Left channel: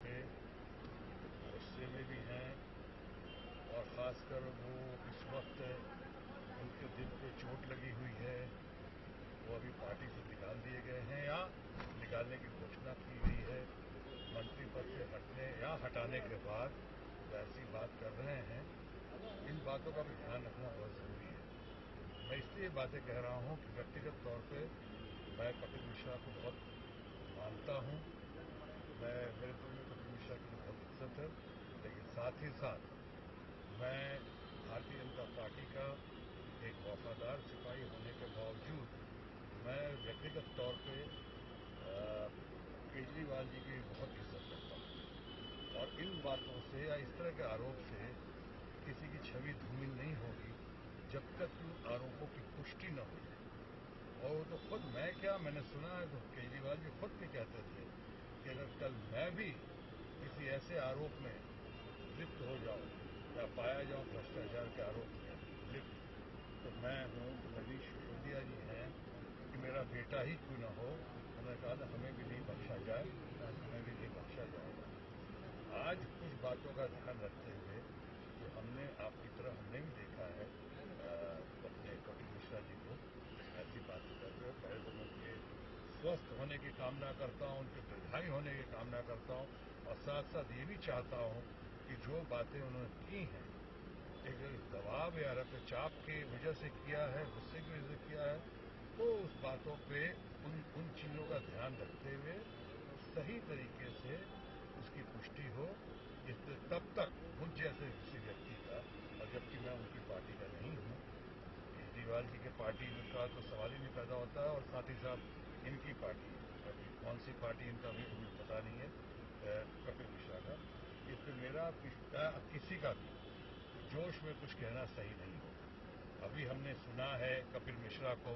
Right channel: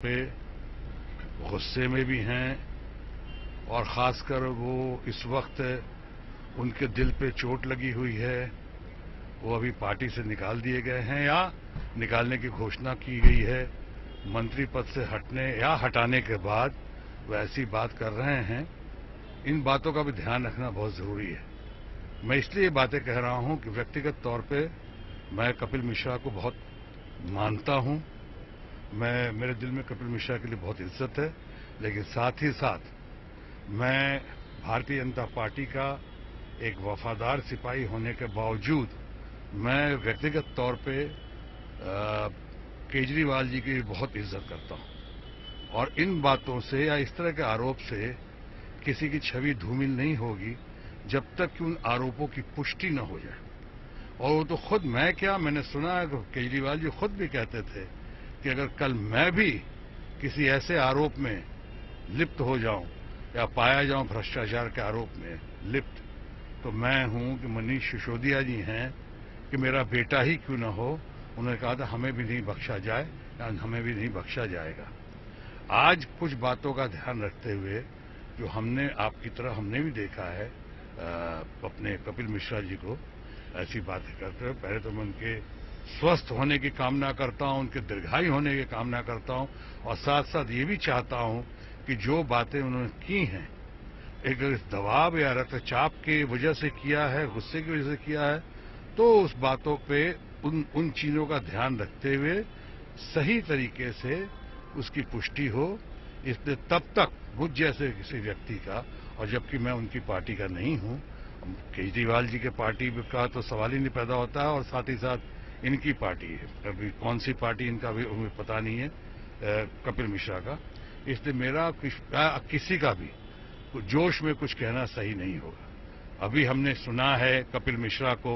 पे गुस्से में भी हैं और ख़ासकर वो इस वक्त उनके दिल पे चोट लगी हुई है। वो अभी पार्टी से निकाल दिए गए हैं या निकालने की घोषणा की गई है। मंत्री पद से हटने या हटाने के बाद वो ऐसी बात कर रहे हैं। इन बातों का भी ध्यान रखना बहुत ज़रूरी है। मैं इसलिए ये बातें कह रहा हूं कि व्यक्तिगत तौर पे मैं कपिल मिश्रा को बहुत मानता हूं। मेरे दिल में कपिल मिश्रा के लिए बहुत इज्जत है, लेकिन साथ ही साथ मैं भारतीय जनता पार्टी का एक वफादार सिपाही होने के बावजूद मैं व्यक्तिगत तौर पे केजरीवाल जी की बहुत इज्जत करता हूं और इन बातों से या इस तरह के आरोप से किसी की छवि धूमिल नहीं होगी जब तक कि उन आरोपों की पुष्टि न हो जाए। और वो तो खुद मैंने सुना है कि केजरीवाल जी खुद भी कहते थे कि अगर कल मैं भी किसी ऐसे आरोप में लिप्त हो जाऊं या पाया जाऊं भ्रष्टाचार के आरोप में लिप्त, तो मैं हूं कि मनीष सिसोदिया जी हैं कि मेरा बेटा ही क्यों न हो, उन्होंने कहा था हमें भी नहीं बख्शा जाए या हमें भी नहीं बख्शा जाएगा। आज कुछ बातों का ध्यान रखते हुए जो हमने आपकी तरह हमने भी देखा है अपने कपिल मिश्रा जी को ऐसी बातें करते हुए, पहले तो मैं उनके स्वस्थ होने की कामना करता हूं, उनके दीर्घायु होने की कामना करता हूं और साथ साथ ये भी चाहता हूं कि जो बातें उन्होंने की हैं एक दबाव या रक्तचाप की वजह से किया है, गुस्से की वजह से किया है, तो उस बातों पे उन चीजों का ध्यान रखते हुए सही तरीके से उसकी पुष्टि हो। इसलिए तब तक मुझ जैसे किसी व्यक्ति का, और जबकि मैं उनकी पार्टी का नहीं हूं, केजरीवाल जी के पार्टी का तो सवाल ही नहीं पैदा होता है और साथ ही साथ इनकी पार्टी है, अभी कौन सी पार्टी इनका भी हमें पता नहीं है कपिल मिश्रा का। इसलिए मेरा किसी का भी जोश में कुछ कहना सही नहीं होगा। अभी हमने सुना है कपिल मिश्रा को,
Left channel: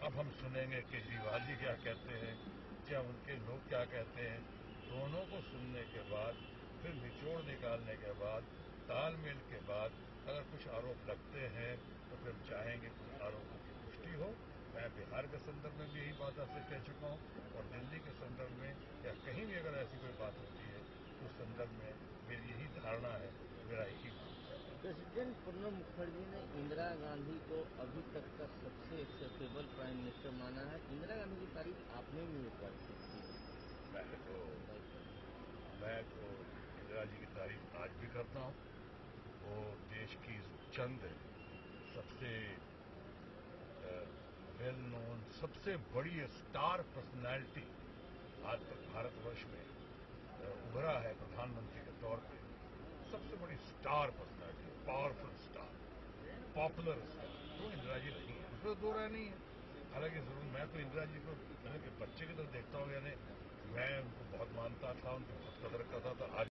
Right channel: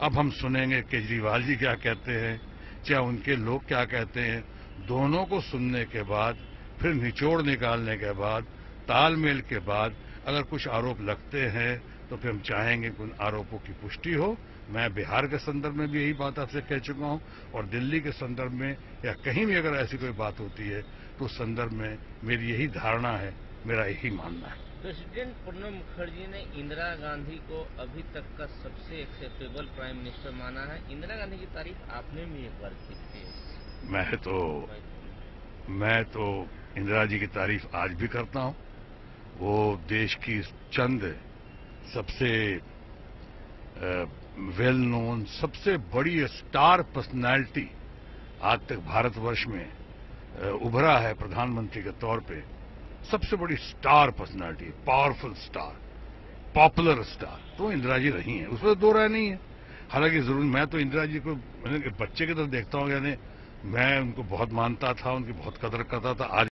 अब हम सुनेंगे केजरीवाल जी क्या कहते हैं, चाहे उनके लोग क्या कहते हैं। दोनों को सुनने के बाद फिर निचोड़ निकालने के बाद तालमेल के बाद अगर कुछ आरोप लगते हैं तो फिर हम चाहेंगे कि उन आरोपों की पुष्टि हो। मैं बिहार के संदर्भ में भी यही बात आपसे कह चुका हूं और दिल्ली के संदर्भ में या कहीं भी अगर ऐसी कोई बात होती है तो उस संदर्भ में मेरी यही धारणा है, मेरा यही मानना है। प्रेसिडेंट प्रणब मुखर्जी ने इंदिरा गांधी को अभी तक का सबसे एक्सेप्टेबल प्राइम मिनिस्टर माना है। इंदिरा गांधी की तारीफ आपने भी एक बार की थी। मैं तो इंदिरा जी की तारीफ आज भी करता हूं। वो देश की चंद सबसे वेल नोन, सबसे बड़ी स्टार पर्सनालिटी आज तक भारतवर्ष में उभरा है प्रधानमंत्री के तौर पे। सबसे बड़ी star personality, powerful star, popular star तो इंदिरा जी रही हैं, उसमें दो राय नहीं है। हालांकि जरूर मैं तो इंदिरा जी को मैंने बच्चे की तरह देखता हूँ, यानी मैं उनको बहुत मानता था, उनकी बहुत कदर करता था। आज